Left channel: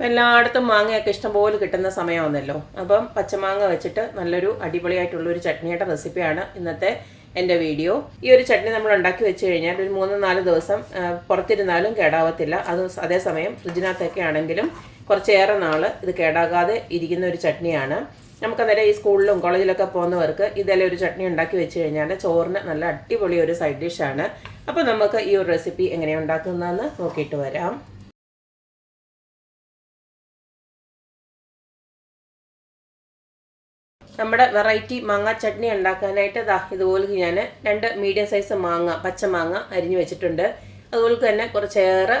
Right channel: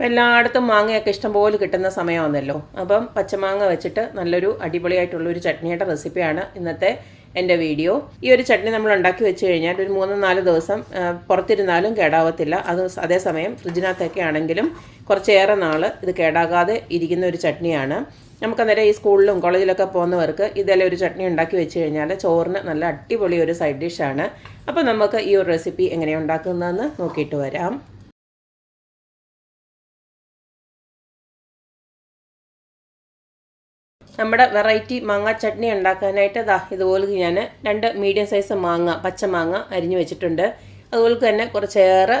ഇപ്പം എല്ലായിടത്തും മാങ്ങയൊക്കെ ഇഷ്ടംപോലെ കിട്ടുന്ന സമയമാണല്ലോ. അപ്പം പച്ചമാങ്ങ വെച്ചിട്ട് നല്ലൊരു അടിപൊളിയായിട്ടുള്ള ഒരു ചട്നിയുടെ റെസിപ്പിയാണ് ഇന്നത്തെ എന്റെ വീഡിയോ. ഈ ഒരു ചട്നി നമ്മൾ ഉണ്ടാക്കി വെച്ച് കഴിഞ്ഞാൽ ഒരു മൂന്ന് നാല് ദിവസം പുറത്തിരുന്നാലും കേടാവത്തില്ല. അത് അതേസമയം ഫ്രിഡ്ജിനകത്തൊക്കെ ആണെങ്കിലും കുറച്ചേറെ നാൾ ഇത് കേടാകാതെ ഇരിക്കുന്ന ഒരു ചട്നിയാണ്. നമുക്കന്നേരം ഈ സ്കൂളിലും കോളേജിലൊക്കെ പോകുന്നവർക്ക് ഇതെല്ലാം ഒരു ചട്നി ഉണ്ടാക്കി വെച്ച് കഴിഞ്ഞാൽ ചോറിന് നല്ല അടിപൊളി ഒരു സൈഡ് ഡിഷാണ് അപ്പോൾ നമുക്ക് ഈ ഒരു റെസിപ്പി എങ്ങനെ ഉണ്ടാക്കുന്നതെന്ന് നോക്കിയിട്ട് വരാം. നമ്മുടെ വെറൈറ്റി മാങ്ങ ചട്നി ഉണ്ടാക്കാനായിട്ട് ദാ ഇതുപോലെ ഞാൻ രണ്ട് മീഡിയം സൈസ് മാങ്ങ പച്ചമാങ്ങ അരിഞ്ഞു വെച്ചിട്ടുണ്ട്. അതുപോലെ തന്നെ കുറച്ചേറെ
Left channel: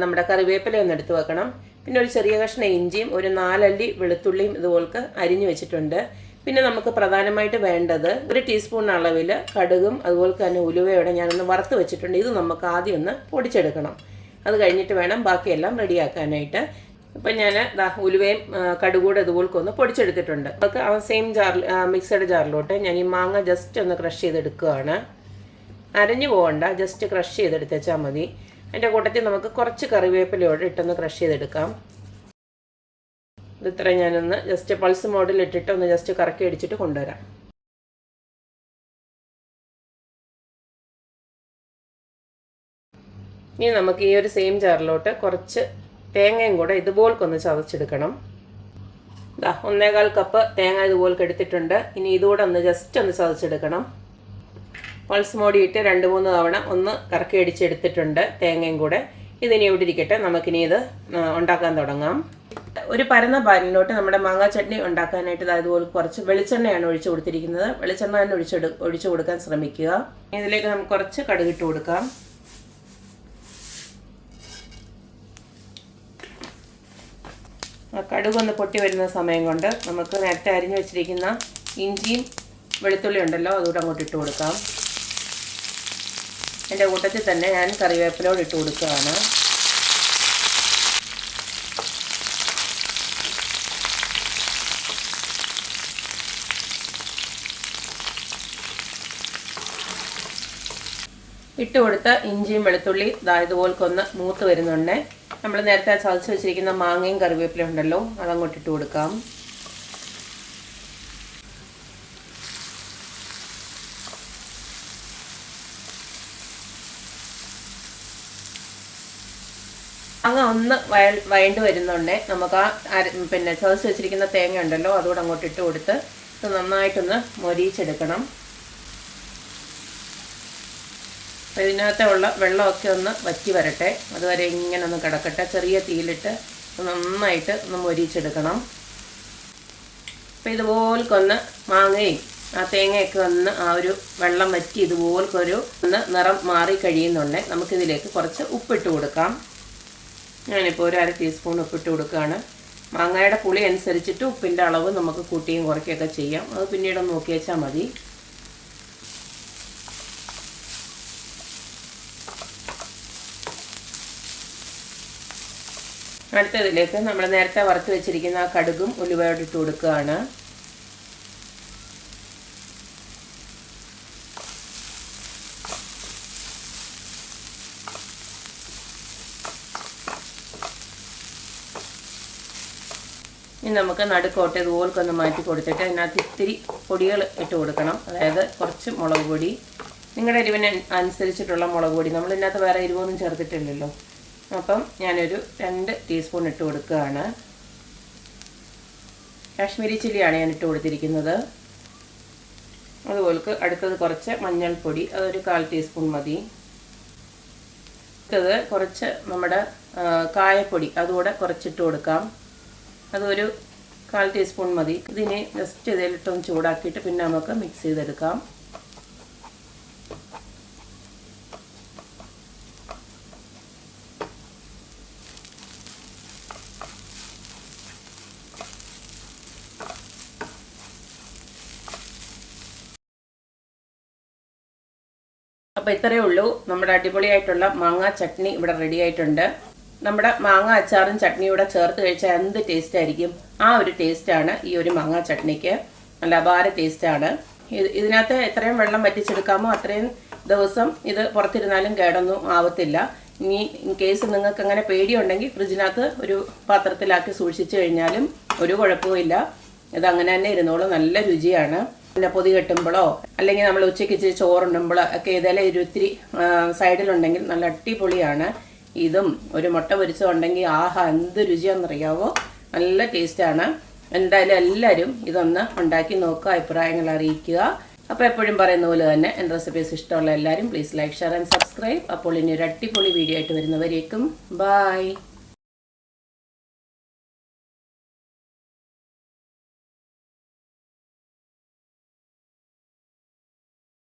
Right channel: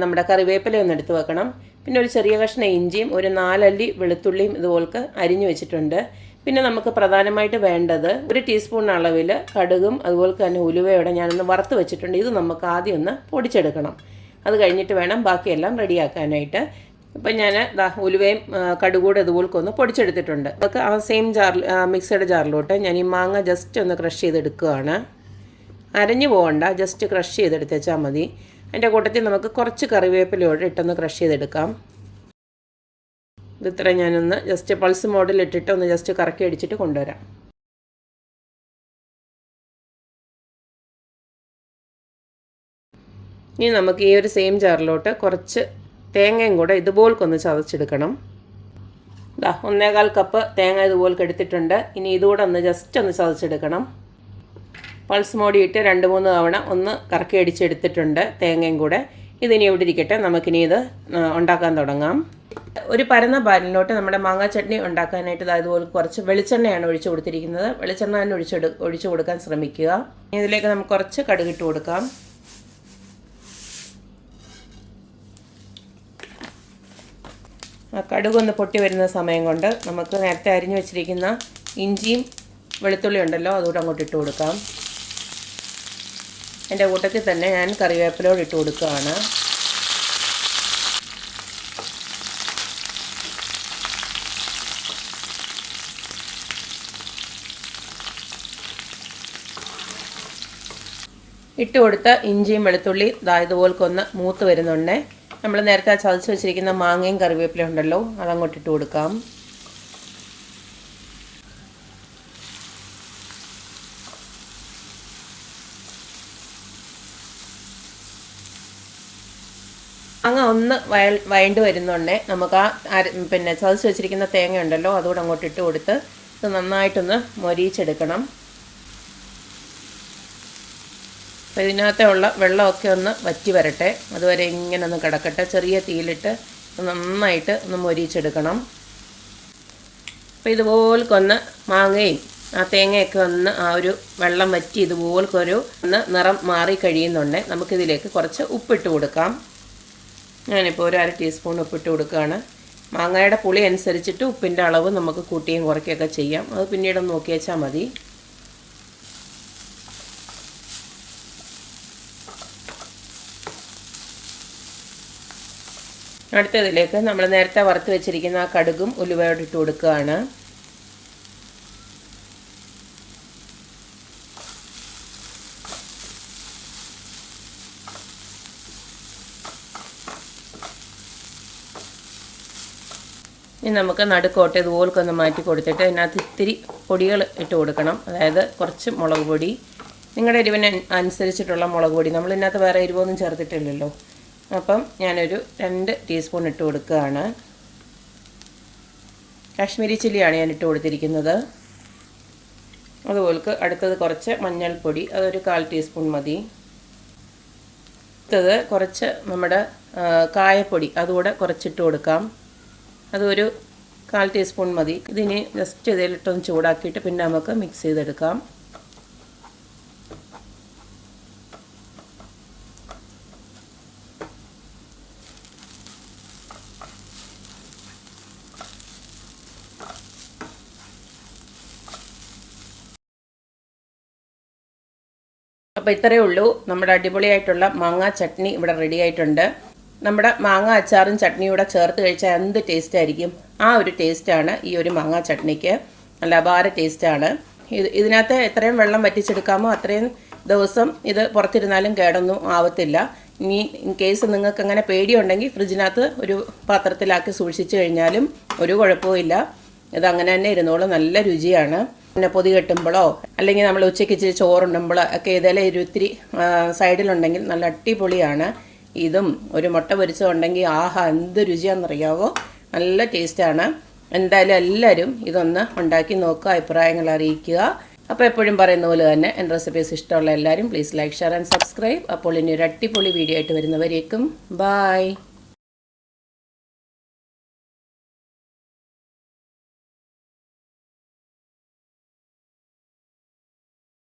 നമ്മുടെ കറിവേപ്പില ഒന്ന് എടുത്ത് വെക്കണം. പിന്നെ ഒരു ചെറിയ കഷ്ണം ഇഞ്ചിയും ഒരു നാലല്ലി വെളുത്തുള്ളിയും ഇതുപോലെ അരിഞ്ഞു വെച്ചിട്ടുണ്ട്. പിന്നെ നമുക്ക് പ്രധാനമായിട്ട് വേണ്ടത് ഒരു ടീസ്പൂൺ അളവിൽ കടുകും അതുപോലെ തന്നെ ഉലുവയോടെ ഞാനൊന്ന് വറുത്ത് വെച്ചിട്ടുണ്ട്. ഇത് നമുക്ക് ആദ്യം ഒന്ന് പൊടിച്ചെടുക്കണം. അത് കഴിഞ്ഞിട്ട് വേണം ബാക്കിയെല്ലാം റെഡിയാക്കാനായിട്ട് ഇപ്പം ഞാൻ ദാ ഉലുവയും കടുകൂടെ ഇതുപോലൊക്കെ ഒന്ന് പൊടിച്ചെടുത്തിട്ടുണ്ട്. അതൊക്കെ ആ സെയിം ജാറിൽ മിക്സഡ് ജാറിലോട്ട് ഞാൻ ഈ മാങ്ങ ജസ്റ്റ് ഒന്ന് ക്രഷ് ചെയ്തെടുക്കുകയാണ്. അരഞ്ഞു പോകണ്ട ജസ്റ്റ് ക്രഷ് ചെയ്തെടുത്തേച്ചാൽ മതി. അതിന്റെ കൂട്ടത്തിൽ നമുക്ക് കുറച്ച് കറിവേപ്പിലയോടെ ഇട്ടൊന്ന് ക്രഷ് ചെയ്തെടുക്കാം. ഇതിത്ര ഞാനൊന്ന് ജസ്റ്റ് പൾസ് മോഡിൽ ഇട്ടിട്ട് ഒന്ന് ജസ്റ്റ് കറക്കി അടിച്ചിട്ട് കൊണ്ടുവരാം. ഇനി നമുക്ക് ഈ ഒരു സെയിം ജാറിലോട്ട് കുറച്ച് തേങ്ങയും കൂടെ ഇതുപോൽക്കൊന്ന് ചതച്ചെടുക്കണം. ഇതാ ഒന്നേകാൽ കപ്പ് തേങ്ങ ഇതുപോലെ എടുത്തിട്ടുണ്ട്. ഇനി ഇതുകൂടെ ഒന്ന് ജസ്റ്റ് ഒന്ന് ചതച്ചെടുക്കണം. പൾസ് മോടിയിട്ട് രണ്ട് മൂന്ന് തവണ ഒന്ന് കറക്കി അടിച്ചെടുത്തിട്ടുണ്ട് തേങ്ങയും കൂടെ. ഇതിനി ഇവിടെ ഇരിക്കട്ടെ നമുക്കിനി ഇത് ഉണ്ടാക്കാൻ തുടങ്ങാം. ഒരു പരന്ന പാനിലോട്ട് നമ്മുടെ മാങ്ങാ ചട്നി ഉണ്ടാക്കാനായിട്ട് ദാ ഇതുപോലെ കുറച്ച് വെളിച്ചെണ്ണയാണ് ഒഴിച്ചു കൊടുത്തിരിക്കുന്നത്. വെളിച്ചെണ്ണ തന്നെ ഒഴിച്ചെടു ഒഴിച്ചു കൊടുക്കാൻ ശ്രമിക്കുക. ഇതിലേക്ക് നമുക്ക് കുറച്ച് കടുകിട്ട് കൊടുക്കാം. കടുകൊന്ന് പൊട്ടി വരുന്ന സമയം കൊണ്ട് നമുക്ക് നേരത്തെ അരിഞ്ഞു വെച്ചിരിക്കുന്ന ഇഞ്ചിയും വെളുത്തുള്ളി ഉണ്ടല്ലോ അതുകൂടെ അങ്ങോട്ട് ഇട്ട് കൊടുക്കാം. എന്റെ കൂട്ടത്തിൽ തന്നെ ഞാൻ കറിവേപ്പിലോട് ഇട്ട് കൊടുക്കുകയാണ്. ഇട്ട് കൊടുത്ത ഇഞ്ചിയും വെളുത്തുള്ളി ഒന്ന് മൂത്ത് വരുന്നുണ്ട്. നമ്മൾ നേരത്തെ ചതച്ച് വെച്ചിരിക്കുന്ന മാങ്ങയും കറിവേപ്പില ഉണ്ടല്ലോ അതങ്ങോട്ട് ഇട്ട് കൊടുക്കാം. അങ്ങ് ഒന്ന് വയ വയണ്ട് വരുന്നുണ്ടേ നമുക്ക് ആ പിന്നെ ചതച്ച് വെച്ചിരിക്കുന്ന തേങ്ങ ഉണ്ടല്ലോ അതുകൂടെ അങ്ങോട്ട് ഇട്ട് കൊടുത്ത് ഇത് നന്നായിട്ടൊന്ന് മൊരിയിച്ചെടുക്കണം. അപ്പോൾ ഇതിനകത്തെ ഉള്ള വെള്ളമൊക്കെ ഒന്ന് വറ്റി വരട്ടെ. അതുവരെ ഇങ്ങനെ ഒന്ന് കിടക്കട്ടെ. ചെറിയ തീയിലിട്ട് നന്നായിട്ട് ഒന്ന് മൊരിച്ചെടുക്കണം. അപ്പോൾ ഇതുപോൽക്കൊന്ന് മാങ്ങയും ആ തേങ്ങയൊക്കെ ഒന്ന് ആ ഒരു വെള്ളം വറ്റി ഇതുപോൽക്കൊരു ഒന്ന് നിറം മാറി കഴിയുന്നുണ്ട്. നമുക്കിതിലേക്ക് കുറച്ച് ഉപ്പിട്ട് കൊടുക്കാം. ഞാനിപ്പോൾ ഒരു അര ടീസ്പൂൺ ഉപ്പിട്ട് കൊടുക്കുകയാണ്. മാങ്ങയുടെ പുളി അനുസരിച്ചിട്ട് ഉപ്പിന്റെ അളവ് നമുക്ക് കൂട്ടിയും കുറയ്ക്കുകയൊക്കെ ചെയ്യാം. അത് പിന്നീട് നോക്കി വെച്ചാൽ മതി. അടുത്തതിലേക്ക് നമ്മൾ നേരത്തെ വറുത്ത് വെച്ചിരിക്കുന്ന ആ കടുകും ഉലുവയോട് ഇട്ട് കൊടുക്കുകയാണ്. ഇനി നമുക്ക് നടുക്കോട്ട് ഇതുപോലൊക്കെ ഒന്ന് മാറ്റി കൊടുത്തിട്ട് അതിനകത്ത് ഇത്തിരി പൊടികൾ ഇട്ട് കൊടുക്കണം. അതായത് കുറച്ച് മുളക് പൊടി. നിങ്ങളുടെ എരിവിന് അനുസരിച്ചിട്ടുള്ള മുളക് പൊടി. നമ്മൾ ഇതിനകത്ത് വേറെ എരിവൊന്നും ചേർത്തിട്ടില്ലല്ലോ. അപ്പം ഞാനൊരു രണ്ട് ടീസ്പൂൺ ഇട്ട് കൊടുക്കുകയാണ്. കാശ്മീരി ചില്ലിയാണ് ഞാൻ ഇട്ട് കൊടുത്തിരിക്കുന്നത്. അതുപോലെ അടുത്തത് കുറച്ച് മഞ്ഞൾപ്പൊടി അതൊരു കാൽ ടീസ്പൂൺ മതി. അടുത്തത് കുറച്ച് നമ്മുടെ കായപ്പൊടി അതുകൂടെ കുറച്ചിട്ട് കൊടുക്കാം. അതൊരു കാൽ ടീസ്പൂൺ മതി. ഇതിനി ജസ്റ്റ് ഇതിലിട്ടൊന്ന് ചൂടാക്കിയിട്ട് പിന്നെ നമുക്ക് മിക്സ് ചെയ്തെടുക്കാം. അപ്പോൾ ഇത്രയേ ഉള്ളൂ. നമ്മുടെ അടിപൊളിയായിട്ടുള്ള മാങ്ങ ചട്നി ഇവിടെ റെഡി ആയിട്ടുണ്ട്. നമ്മുടെ മാങ്ങ അച്ചാറും ചട്നിയും കൂടെ ചേർത്ത് കഴിച്ചാൽ എന്ത് ടേസ്റ്റ് ആയിരിക്കും? ആ ഒരു ടേസ്റ്റാണ് ഈ ഒരു മാങ്ങ ചട്നിക്ക്. നല്ല അപാര ടേസ്റ്റാണ് ഇത് ഇതിനകത്ത് എത്രയും വെള്ളം വറ്റിച്ചെടുക്കാമോ അത്രയും ദിവസം ഇത് പുറത്തിരുന്നാലും കേടൊന്നും ആവത്തില്ല. ഇനി ഇൻ കേസ് നിങ്ങൾക്ക് അങ്ങനെ പേടിയുണ്ടെങ്കിൽ ഫ്രിഡ്ജിനകത്ത് ഒരു പാത്രത്തിലാക്കി സൂക്ഷിച്ചു കഴിഞ്ഞാലും ഒരു കുഴപ്പവുമില്ല ഇത് അങ്ങനെ തന്നെ ഇരുന്നോളും. നല്ല രുചിയാണ്. പിന്നെ പൊതി കെട്ടുമ്പോഴോ അല്ലെങ്കിൽ നമ്മൾ ഉച്ചയ്ക്ക് ഇച്ചിരി ചോറുണ്ടുമ്പോഴോ ഒക്കെ ഇതെല്ലാം ഇരുത്തിരി സൈഡിലുണ്ടെങ്കിൽ നല്ല അടിപൊളിയാണ്. ഇതും ഒരു മുട്ട പൊരിച്ചതുണ്ടെങ്കിൽ ആഹാ എന്ത് രുചിയാണെന്നറിയാവോ? നല്ല ടേസ്റ്റാണ്. എന്തായാലും എല്ലാവരും ഇതൊന്ന് ഉണ്ടാക്കി നോക്കുക അഭിപ്രായങ്ങൾ അറിയിക്കുക. അപ്പോൾ എപ്പോഴും പറയുന്ന പോലെ തന്നെ എന്റെ റെസിപ്പീസ് ഇഷ്ടമുള്ള എല്ലാവരും please like share and subscribe അപ്പോൾ ഇനി ഒരു അടിപൊളി വീഡിയോ ആയിട്ട് വരുന്നവരേക്കും ബായ്